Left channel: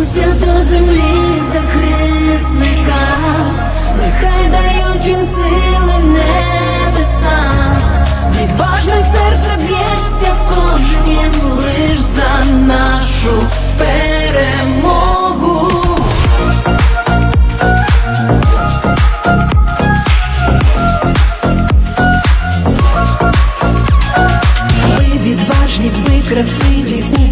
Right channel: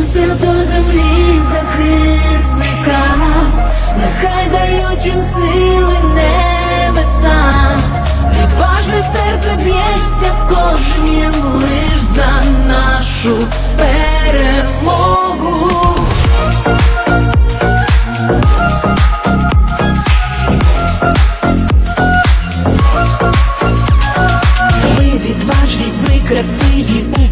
Склонюся до землі захисника, нехай дають їм сили небеса, відважне серце б'ється в кожнім лиш за нашу перемогу. Ви відважні, ви красиві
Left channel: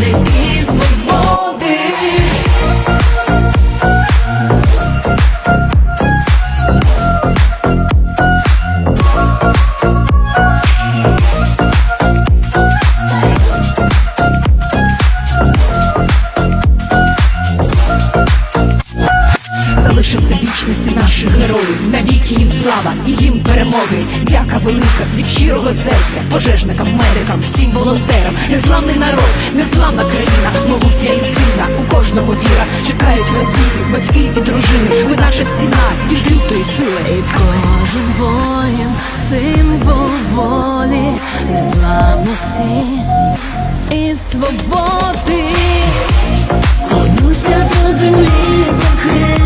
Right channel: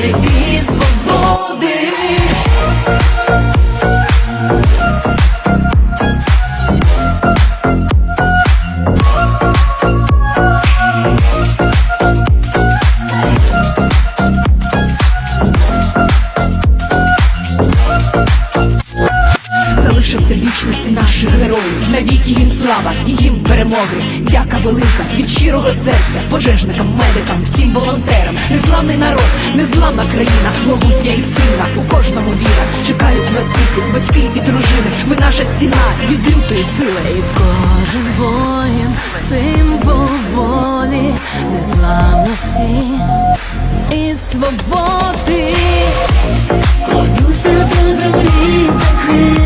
України, вічності наших героїв, навіки їм слава і їм перемоги. Дяка велика від щирого серця, пожежникам, медикам, всім волонтерам. Незламний народ, незламна країна, могутня і сильна. У кожному віра. Чекають вас діти, батьки і дружини. Ви наша стіна від лютої сили. І кожен воїн, символ волі, незламності і свободи. Клонюся до землі захисника,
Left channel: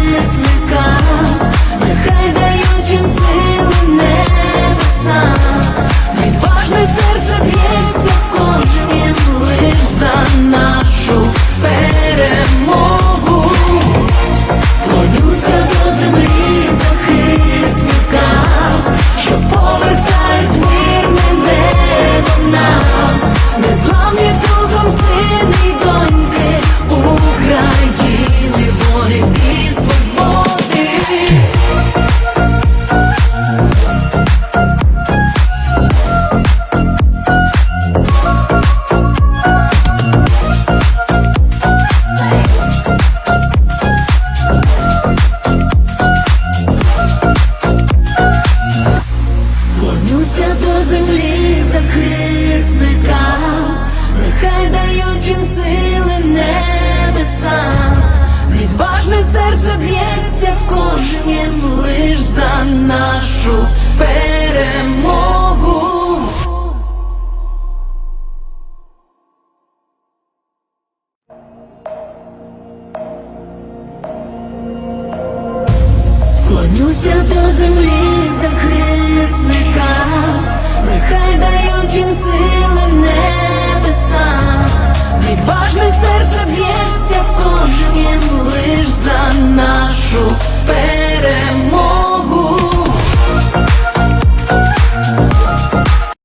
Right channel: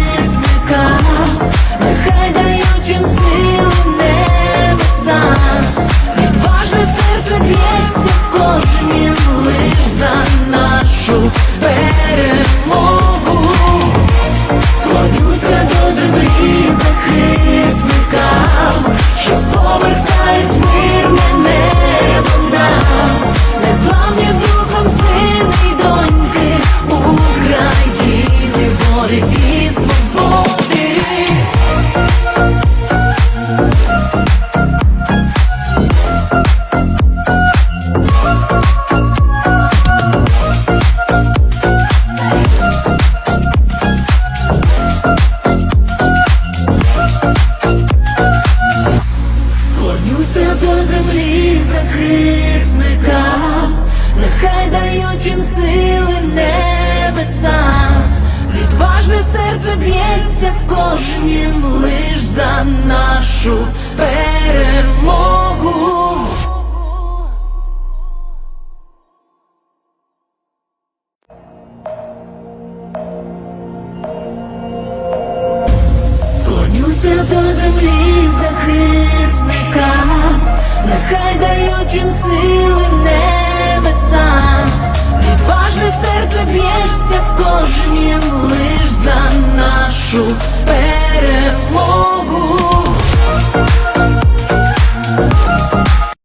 захисника, нехай дають їм сили небеса, відважне серце б'ється в кожнім лиш за нашу перемогу. Клонюся до землі захисника, нехай дають відважне